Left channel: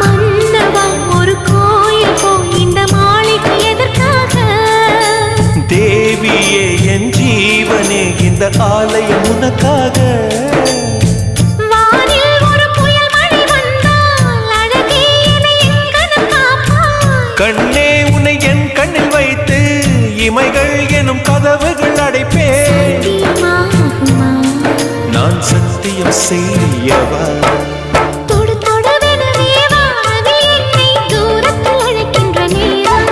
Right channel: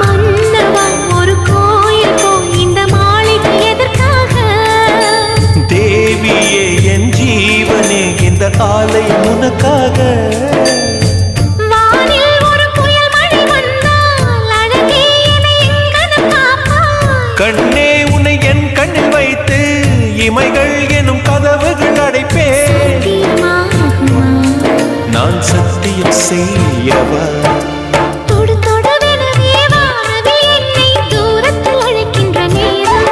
மன்னவா ஒரு கோயில் போய் இந்த மாளிகை எதற்காக? தேவியே என் ஜீவனே இந்த ஆலயம் உனக்காக. வானில் ஒரு புயல் மழை வந்தால் அழகே என்னை எங்கனம் காப்பாய். கண்ணே உன்னை என் கண்ணில் வைத்து இமைகள் எனும் கதவுகள் அடைப்பேன். சத்தியமாகுமா? நான் சத்தியம் செய்யவா? தொடு தொடுவெனவே வானவில் என்னை தூரத்தில் அழைக்கின்ற நேரம்.